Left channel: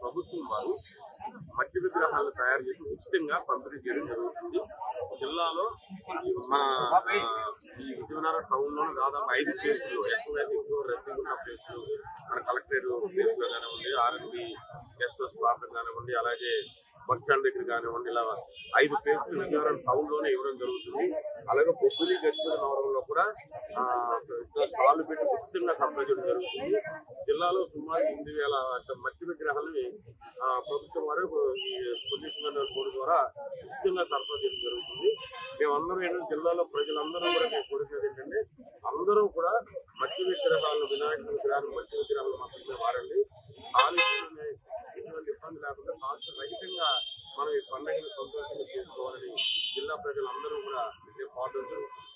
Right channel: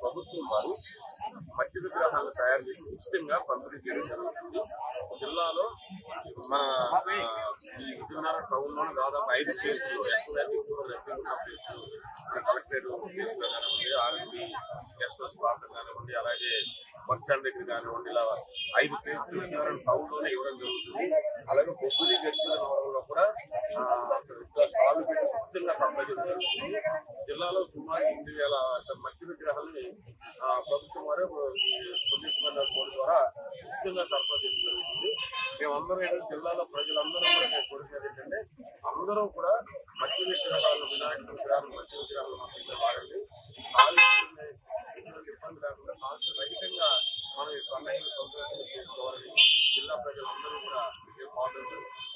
ప్రభుత్వం వారు మట్టి విగ్రహాలను తయారు చేసి ఉచితంగా పంపిణీ చేయడం జరుగుతుంది. జిల్లాలో మన ఈ విజయనగరం టౌన్ లోనే దాదాపు 5 ప్లేసులు ఎక్కువ రద్దీ ఉన్న ప్లేసులు కలెక్టరేట్ ప్లేస్ లో కానివ్వండి, R&B గెస్ట్ హౌస్ ప్రాంతం కానివ్వండి, అలాగే బస్ స్టాండ్ దగ్గర కానివ్వండి, ఇలా 5 ప్లేసులు విజయనగరం టౌన్ లోనే ఇవ్వడం జరుగుతుంది. అలాగే బొబ్బిలి గజ్వేల్ నగరంలో కూడా స్టాల్ పెట్టి ఉచితంగా సప్లై చేయడం జరుగుతుంది. జిల్లాలో సుమారు 8,000 మట్టి విగ్రహాలని ప్రభుత్వం వారు పొల్యూషన్ కంట్రోల్ బోర్డు ద్వారా ఉచితంగా సరఫరా చేయడం జరుగుతుంది. మేమందరం ఏంటంటే జిల్లాలో ప్రజలందరూ కూడా మేము కోరుకునేది ఏంటంటే అందరూ కూడా మట్టి విగ్రహాలను, వినాయక విగ్రహాలు, మట్టి విగ్రహాలను మాత్రమే వాడండి. కాలుష్యం ఎటువంటి ఇబ్బంది లేకుండా కాలుష్య రహితంగా మనం ఈ పండుగను సంతోషంగా చేసుకోవాలని జిల్లా ప్రజలందరూ కూడా విజయం పాల్గొనడం జరుగుతుంది.